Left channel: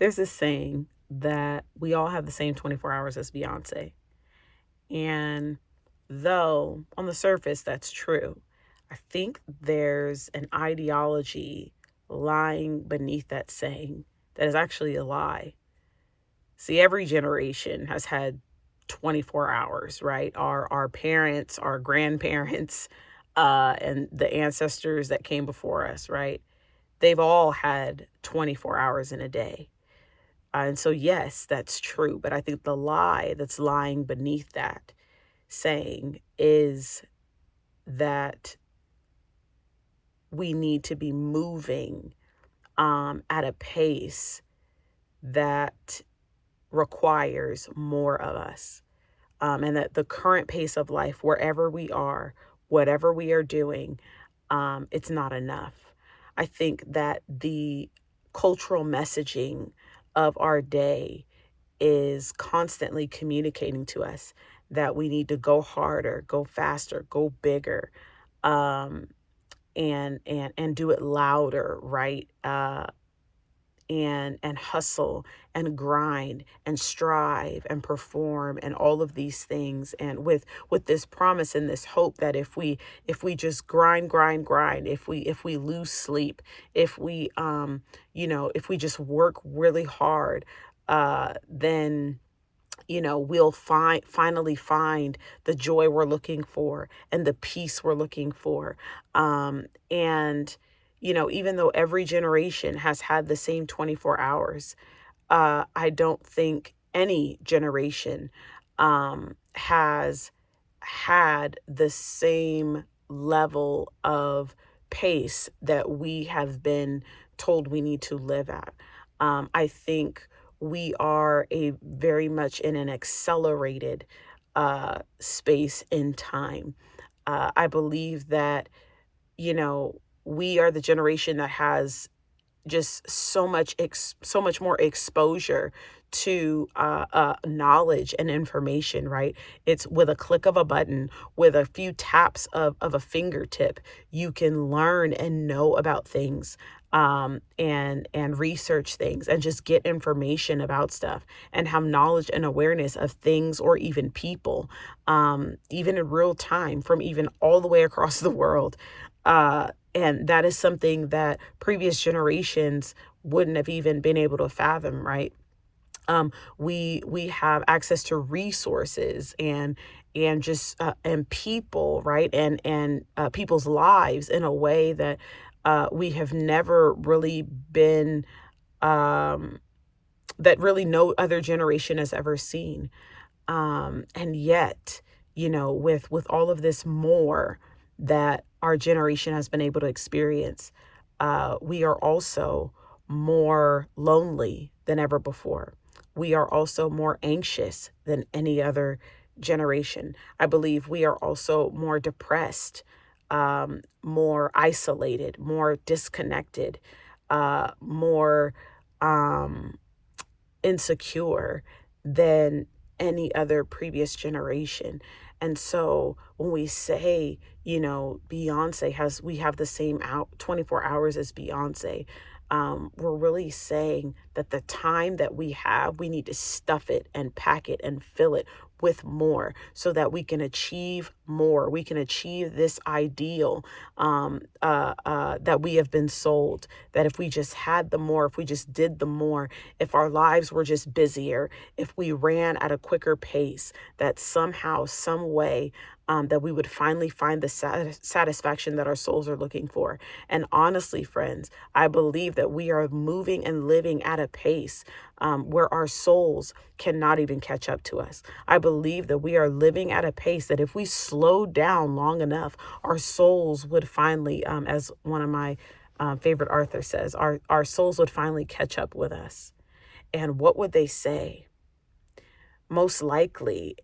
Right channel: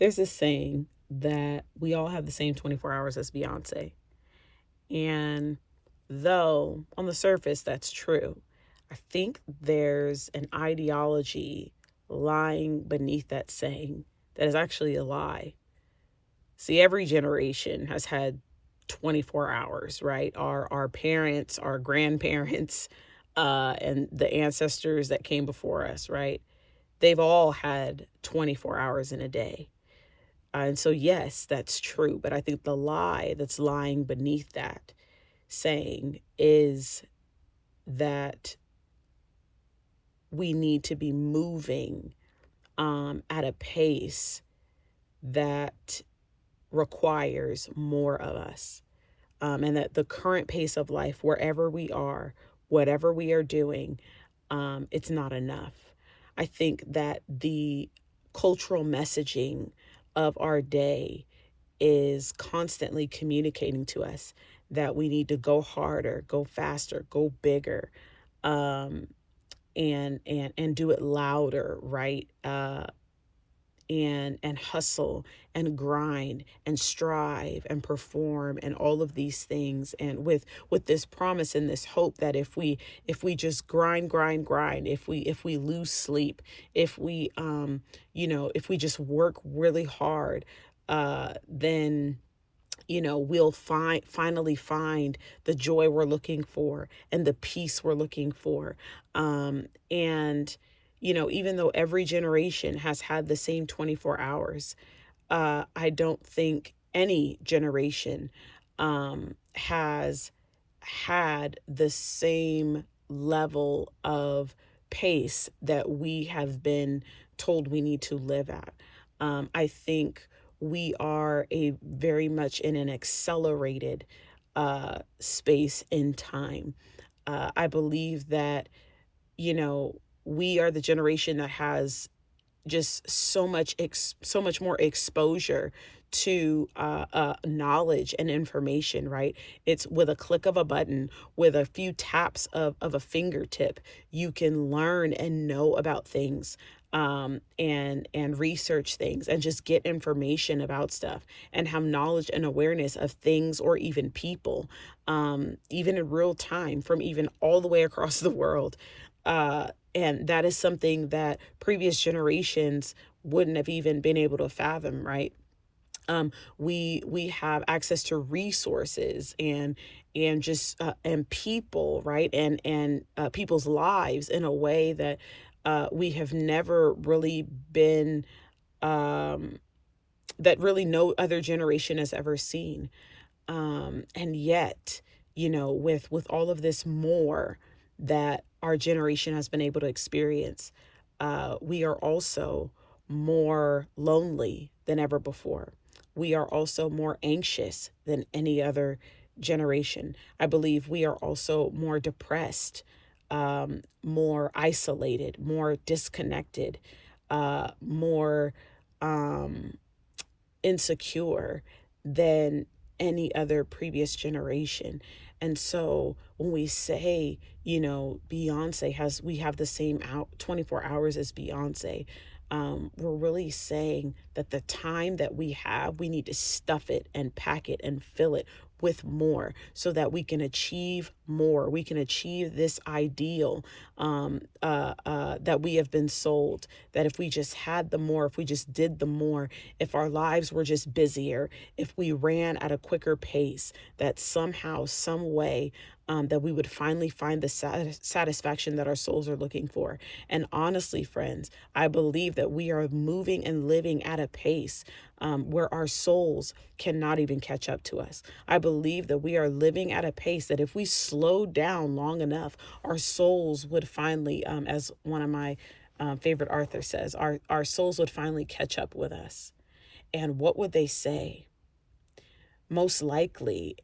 There's this saying that we all have the same 24 hours as Beyonce. And though on the surface that's true, I think there's an ideology lying beneath that saying that is actually a lie. See, every generation has had 24 hours, right? Our parents, our grandparents, and the ancestors that came before us, right? They've all had 24 hours in a day. And so, yes, that's true. But I think the lie that's lying beneath that saying is that we need to be moving at a pace that requires more of us. And that the current pace of life, wherever we are, whatever we are doing, it's not enough. I think that the cultural messaging of our day is constantly communicating to us that we need to go harder, go faster, go bigger, um, and do it louder, right? And hustle and grind and strive and perform and all of these things, and with this promise and this hope that if we just grind, if we lose sleep, if we if we just work really hard, then we'll finally find the joy we're looking for and the peace we're looking for. And even though every generation has had the same 24 hours, I don't think any generation has had the same level of pace that we have been told we need to live at. I think we are a very much in an accelerated space in time. I believe that, we are the generation that has just so much more exposure to knowledge and information, right? It's with a click of a button, with a few taps of a fingertip, you can learn and know about things, and research things and just get information about stuff and have knowledge and awareness of things or even people, even in real time, from even all the way across the world. And that is something that previous generations wouldn't have even been able to fathom, right? We have access to resources and just and people, right? And people's lives in a way that we have never really been, um, that really no other generation has ever seen. And yet, with all of this more that our generation has been able to experience, we are also more lonely than ever before. We are also more anxious than any other generation. I believe we are also more depressed, more isolated, more disconnected, more um, insecure than any other previous generation. And so when we say, we have the same 24 hours as Beyonce, we're really saying that the time that we have, we need to stuff it and pack it and fill it with more so that we can achieve more. We can achieve this ideal that we have been sold, that if we just had the more, if we just did the more, if our lives were just busier, if we ran at a quicker pace, that somehow, some way, that we would finally find the satisfaction that our souls are looking for. And honestly, friends, I believe that we are moving and living at a pace where our souls cannot even catch up to us. I believe that we are living at a pace that if we slowed down long enough, our souls would finally, as one of my favorite authors says, our souls would finally catch up with us. And what would they say? Most likely,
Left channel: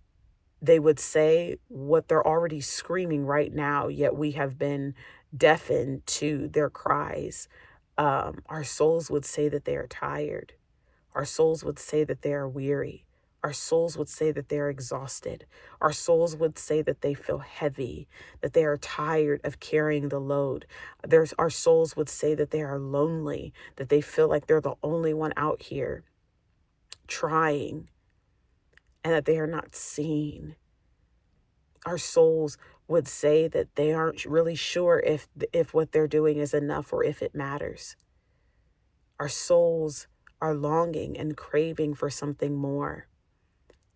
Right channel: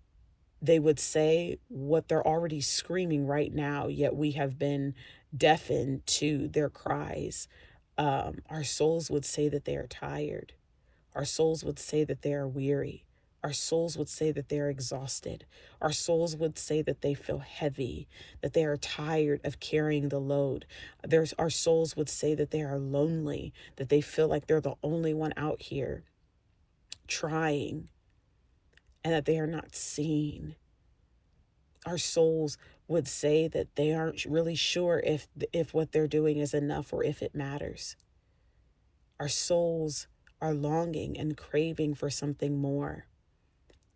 they would say what they're already screaming right now, yet we have been deafened to their cries. Our souls would say that they are tired. Our souls would say that they are weary. Our souls would say that they're exhausted. Our souls would say that they feel heavy, that they are tired of carrying the load. Our souls would say that they are lonely, that they feel like they're the only one out here trying, and that they are not seen. Our souls would say that they aren't really sure if what they're doing is enough or if it matters. Our souls are longing and craving for something more.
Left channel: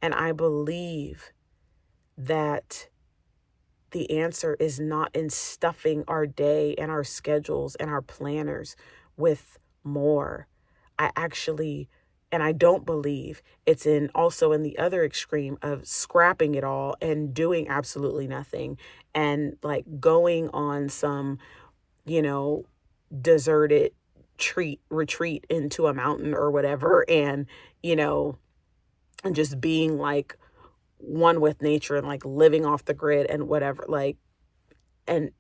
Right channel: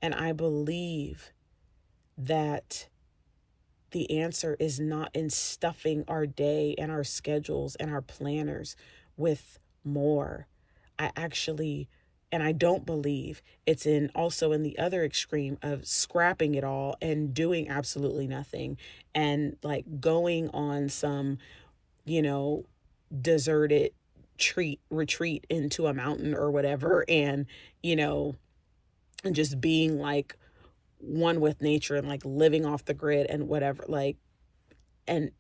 And I believe that the answer is not in stuffing our day and our schedules and our planners with more. I actually, and I don't believe it's also in the other extreme of scrapping it all and doing absolutely nothing and like going on some, you know, deserted retreat into a mountain or whatever, and, you know, and just being like one with nature and like living off the grid and whatever, like, and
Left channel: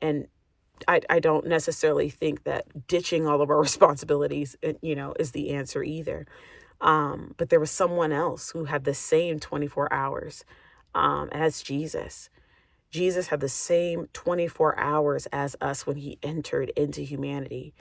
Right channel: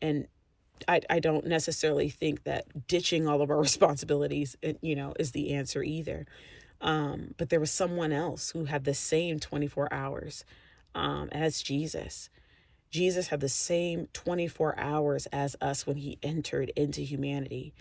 I don't necessarily think that ditching all of our responsibilities, is the answer either. But there was someone else who had the same 24 hours, and that's Jesus. Jesus had the same 24 hours as us when he entered into humanity.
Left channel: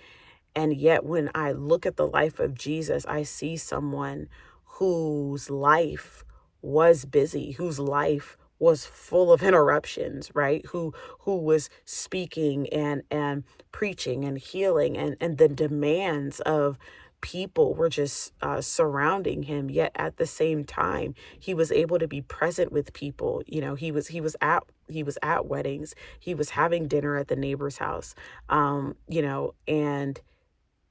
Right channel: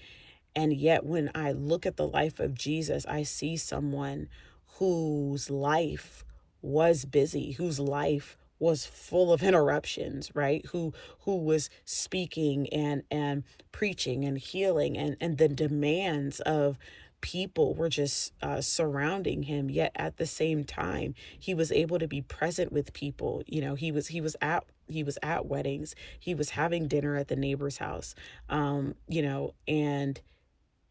And yet, when I look at the life of Jesus, I see someone whose life was busy, whose life was full of interruptions, right? Who was speaking and preaching and healing, and the demands of people were just surrounding him. Yet at the same time, he was able to be present with people. He was at weddings. He was having dinner at the neighbor's house. And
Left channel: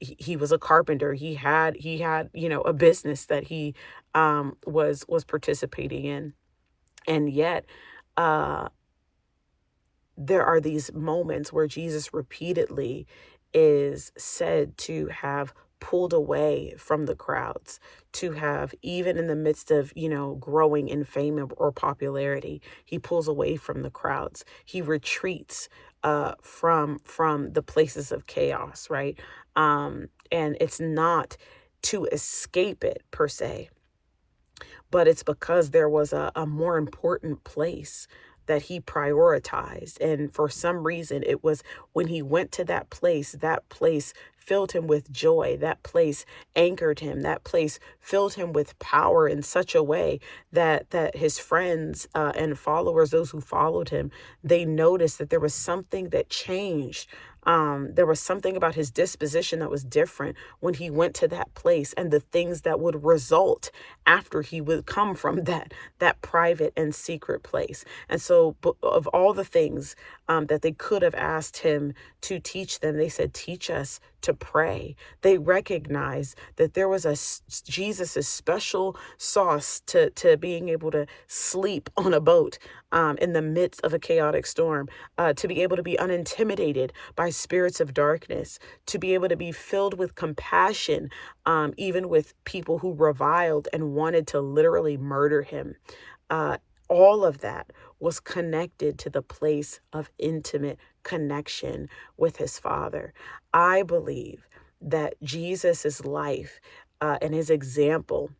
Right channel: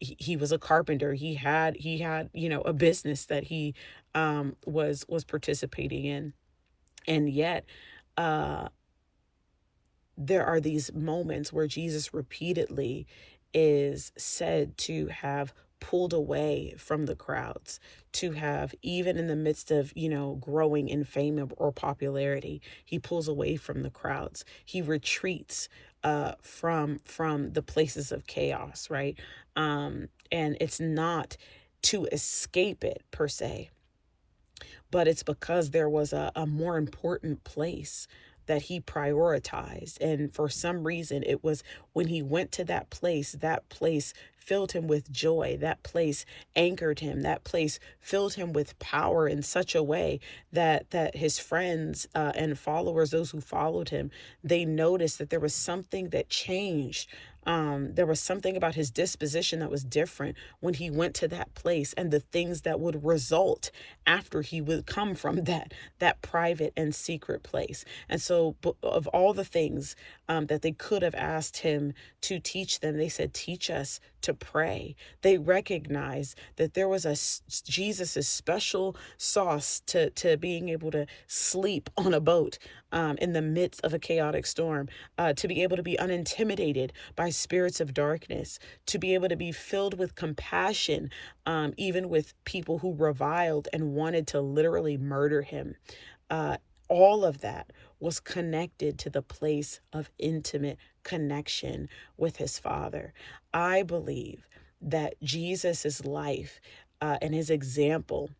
he was a carpenter. He had a business that he was participating in. And yet uh there are these moments where Jesus repeatedly is said to have pulled away from the crowds, to have, even in the midst of, growing in fame or popularity, he pulls away from the crowds. He retreats from the places of chaos, right? And it's not to escape it per se, but it's because there was a more important place that he prioritized. And for some reason, it was when he went to that place filled him with joy. That place anchored him. That place filled him with power in such a way that his friends and followers, those who followed him, they noticed that there was something that changed. There was something about his disposition that was different when he went to that place, and the things that would result after he would come from that private and secret place. And so, of all the things that they could have asked him to teach them, they said, teach us to pray. They recognized that there was Jesus's special sauce to being able to sleep on a boat in the midst of a chaotic storm, to be able to be unintimidated by spirits of darkness, to be able to be filled with compassion, even with people who reviled and wanted to literally murder him. All of that was connected to the place of intimate connection with his Father. I believe that Jesus's life and his example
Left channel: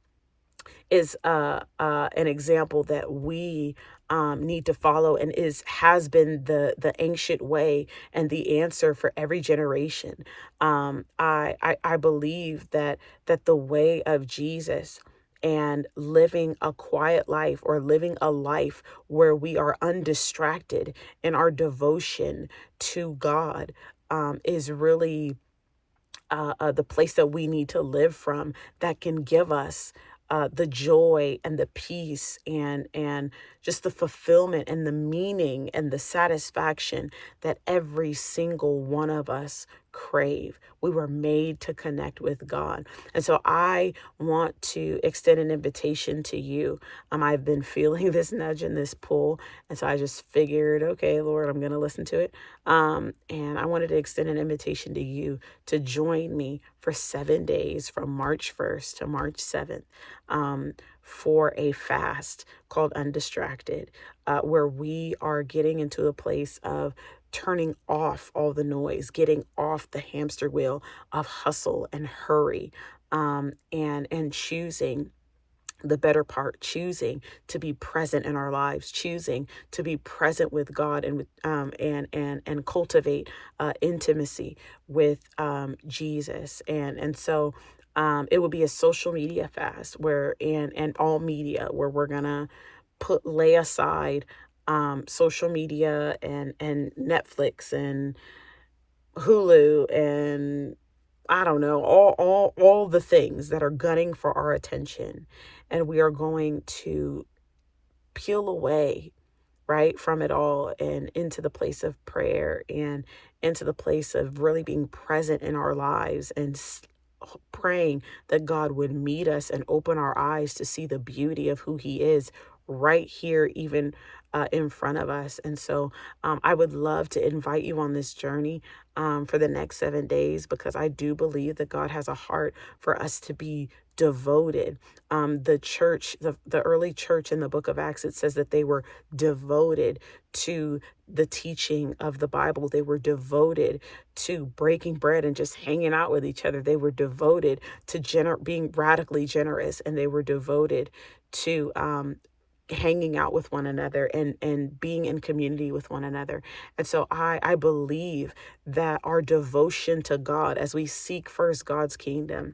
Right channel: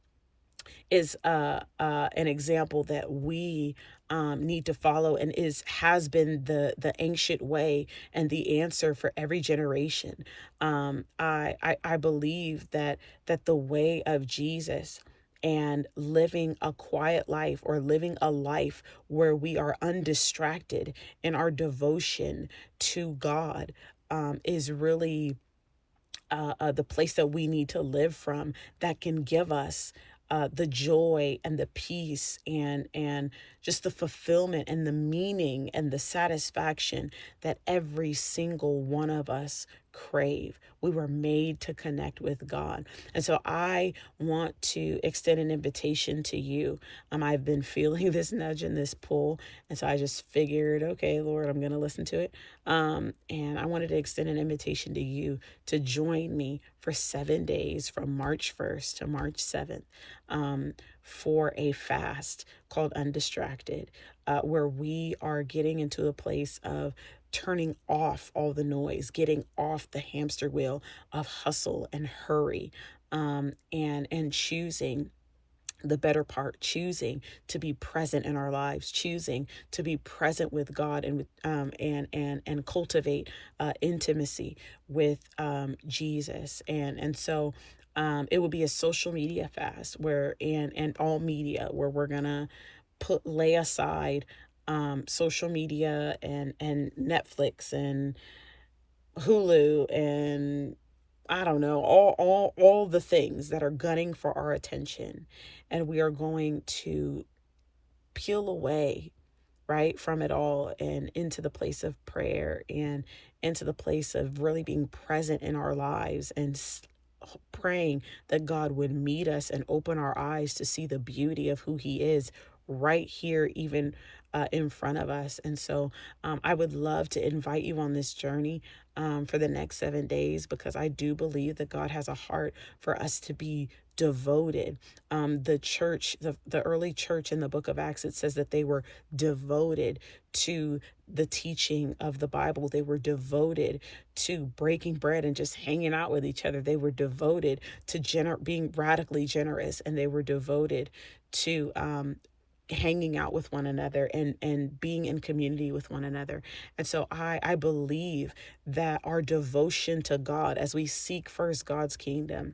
is an example that we need to follow, and has been the ancient way and the answer for every generation. I believe that the way of Jesus and living a quiet life, or living a life where we are undistracted in our devotion to God, is really the place that we need to live from, that can give us the joy and the peace and just the fulfillment and the meaning and the satisfaction that every single one of us crave. We were made to connect with God. And so I want to extend an invitation to you. I've been feeling this nudge and this pull. And so I just figured, okay, Lord, I'm going to listen to it. And I wanted to extend an invitation to you to join me for 7 days from March 1st to March 7th for a fast called Undistracted, where we are getting into a place of turning off all the noise, getting off the hamster wheel of hustle and hurry, and choosing the better part, choosing to be present in our lives, choosing to be present with God, and with and cultivate intimacy with Jesus. And so it would be a social media fast, where and all media, where we're gonna lay aside social media and Netflix and Hulu and I don't know, all the things that are gunning for our attention. And we are going to peel away, right, from it all, and into the place of prayer, and into the place of really being present in our lives, and praying that God would meet us and open our eyes to see the beauty of who He is right here, even in front of us. And so I would love to invite you on this journey for the next 7 days, because I do believe that God has a heart for us to be devoted. The church, the early church in the book of Acts, it says that they were devoted to the teaching of the Bible. They were devoted to breaking bread and just hanging out with each other. They were devoted to being radically generous, and they were devoted to hanging out with one another, and being in community with one another. And so I believe that our devotion to God, as we seek first God's kingdom,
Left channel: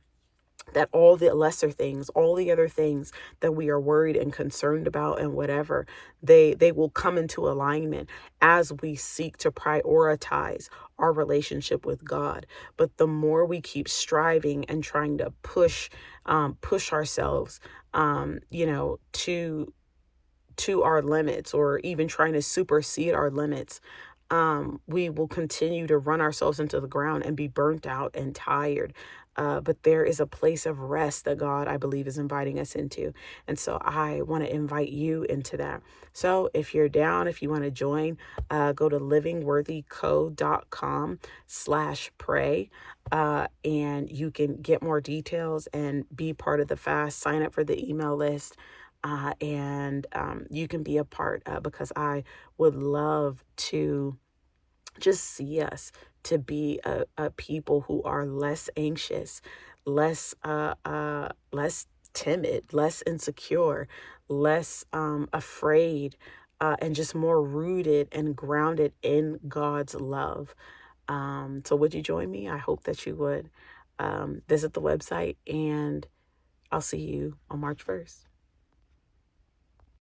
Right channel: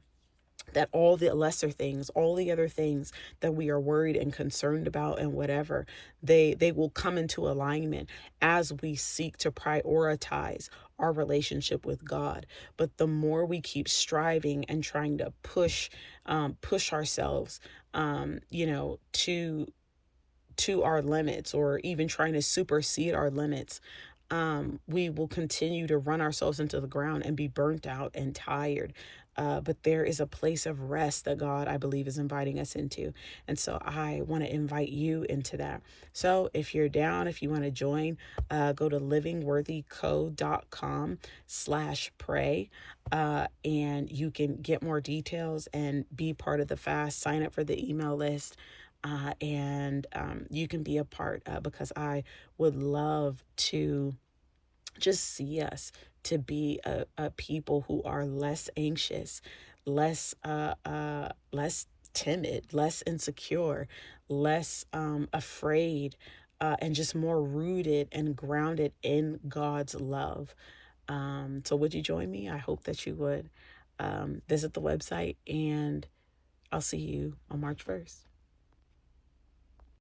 that all the lesser things, all the other things that we are worried and concerned about and whatever, they will come into alignment as we seek to prioritize our relationship with God. But the more we keep striving and trying to push ourselves, to our limits, or even trying to supersede our limits, we will continue to run ourselves into the ground and be burnt out and tired. But there is a place of rest that God, I believe, is inviting us into. And so I want to invite you into that. So if you're down, if you want to join, go to livingworthyco.com/pray. And you can get more details and be part of the fast. Sign up for the email list. And you can be a part, because I would love to just see us to be a people who are less anxious, less timid, less insecure, less afraid, and just more rooted and grounded in God's love. So would you join me? I hope that you would. Visit the website, and I'll see you on March 1st.